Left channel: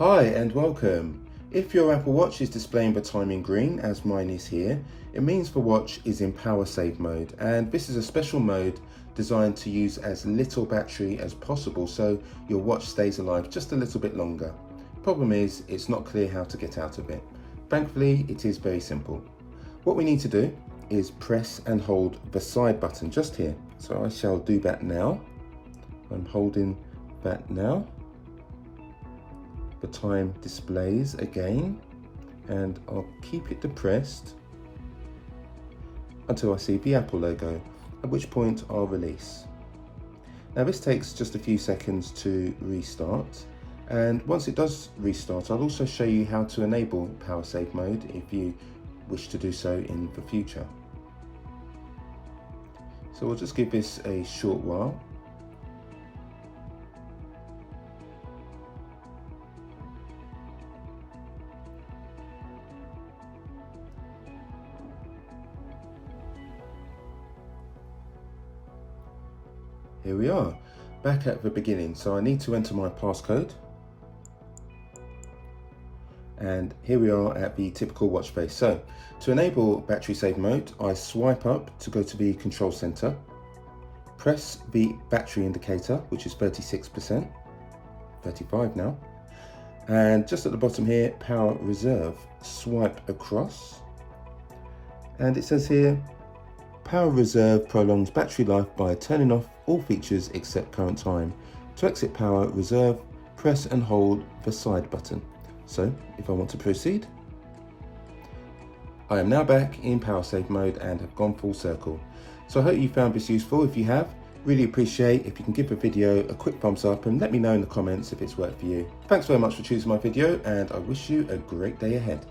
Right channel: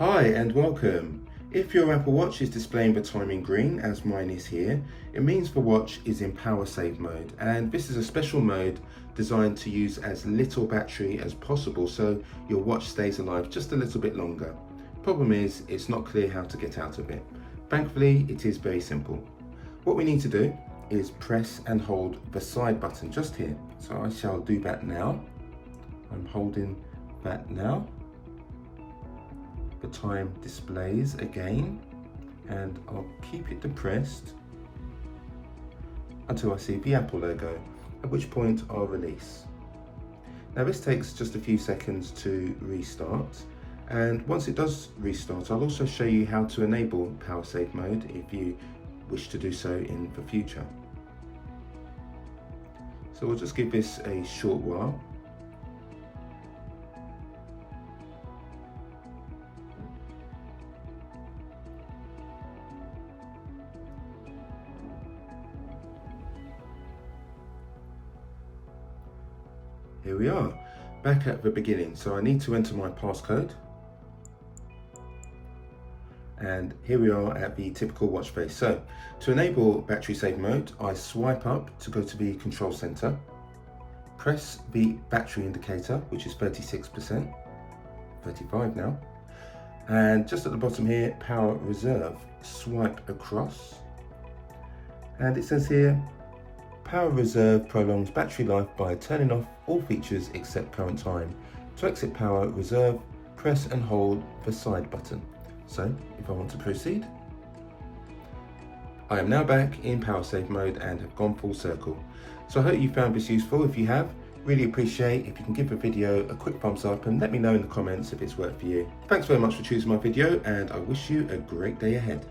Hi and welcome. If your Apple Watch is displaying the time in green, as mine is here, it means the watch is in power save mode, and this is a special mode designed to use as little battery as possible so your watch stays alive just a little bit longer. Problem is, it's not clear how to get out of it. Thankfully, it is very simple. What we need to do is press and hold the side button just here. So I shall do that now. I'm holding that now. The time displays again, and I'll keep it depressed until I see the Apple logo, at which point I'll release. Now this takes just a few seconds to restart, and once it does restart, I'll also show you how to enable power save mode if you wish to do so in the future. So we'll just give this a short while. Here we are, back at the beginning. So I need to enter my passcode. And here we are at the typical watch face. So to enable battery save mode, I swipe up to go to the control center, press the battery indicator, which is 36%, 35 now. And just at the bottom here, power reserve, swipe across. And it says here, power reserve prolongs battery life by turning off all features except current time. To exit power reserve, press and hold the side button. So if I want to proceed, I am now back in power save mode and have gone full circle. So I hope you found this useful. If you have, really appreciate if you can give the video a quick thumbs up and let me know in the comments if it's worked for you. Thanks very much for choosing my video, and I wish you a great day ahead.